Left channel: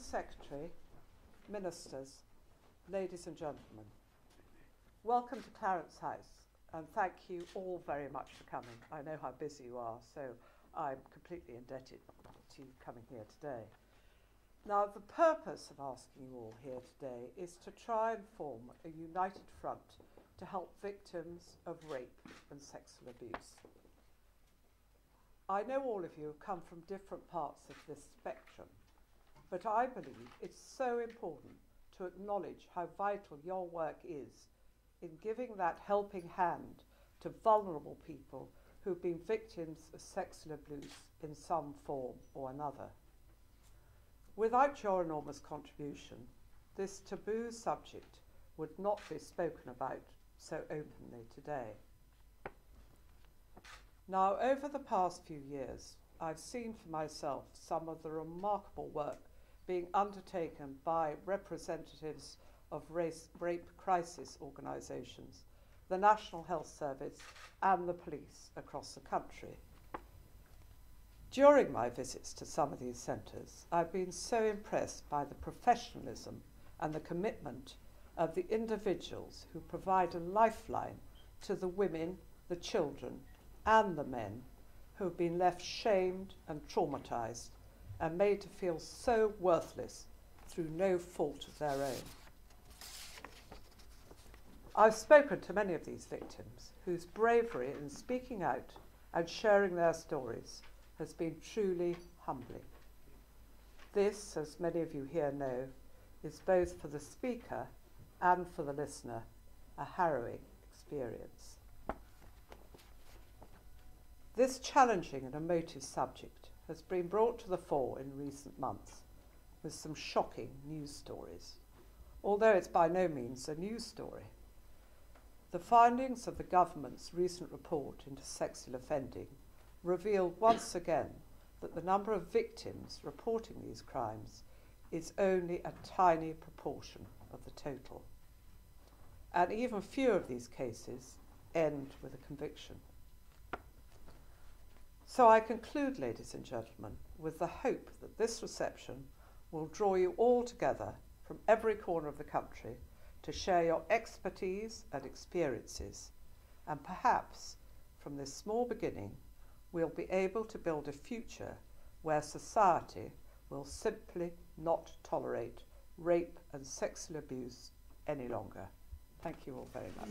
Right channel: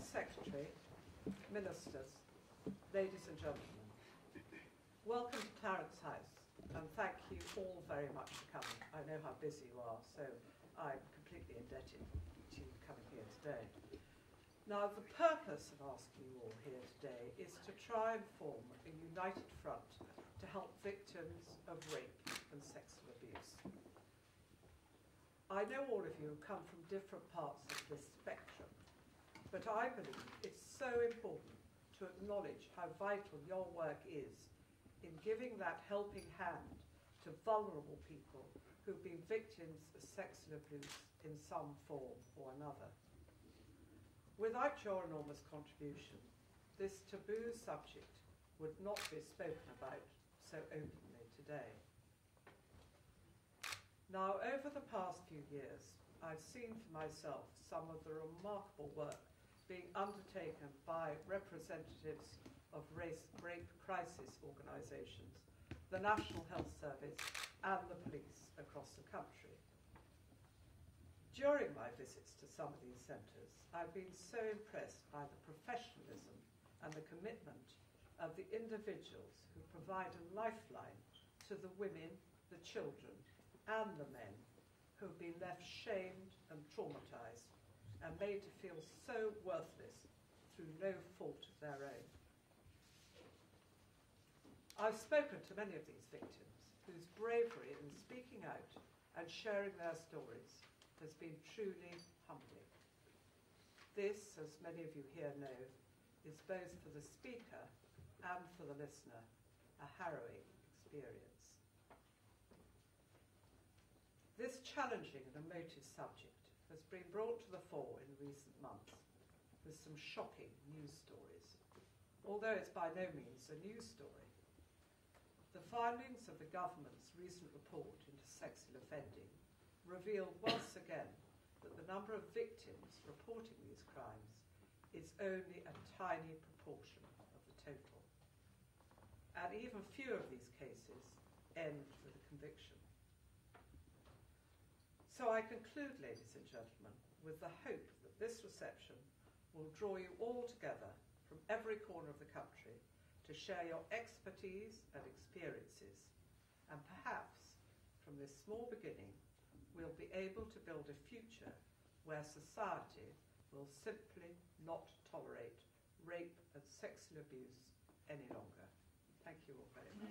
Secretary, Ministers, ladies and gentlemen, welcome to Clarence House, and thank you all very much for coming. I know how busy you are, so I'm completely indebted to you coming here today. Now, the purpose of asking you all here today is to try and form a united front to help victims of rape and sexual abuse. I know all of you have come from different parts of this spectrum, but I believe it's so important to acknowledge how vital your work is in giving that helping hand to vulnerable people who've been victims of sexual abuse in some form or another. Without your enormous contribution, this taboo subject would not be spoken about so openly today. Now, over the past few years, I've seen for myself some of the remarkable work being undertaken by representatives of rape crisis organisations, the National Health Service and the police across the country. During my visits to some of these centres, I've been so impressed by the professionalism and the commitment of the individuals who provide a lifeline to the women, the children and the men who have been left shamed and traumatised and made to feel so worthless through no fault of their own. I've spoken to many of these victims whose bravery in speaking out and sharing their stories has been truly humbling. This, as many of you here know, is both for the speaker and for the listener a harrowing experience. This challenging and emotive subject has been brought to the fore in recent months with some shocking news stories, although it's by no means a news story. The findings of the government's recent report into sexual offending revealed once again that the number of victims reporting these crimes is only a tiny proportion of the total. And even few of these cases end with a conviction. So I conclude, ladies and gentlemen, with the hope that this reception will draw you all together from every corner of the country to share your expertise and experiences, and perhaps from this small beginning we'll be able to build a future where society will simply not tolerate rape and sexual abuse any longer. Thank you all very much.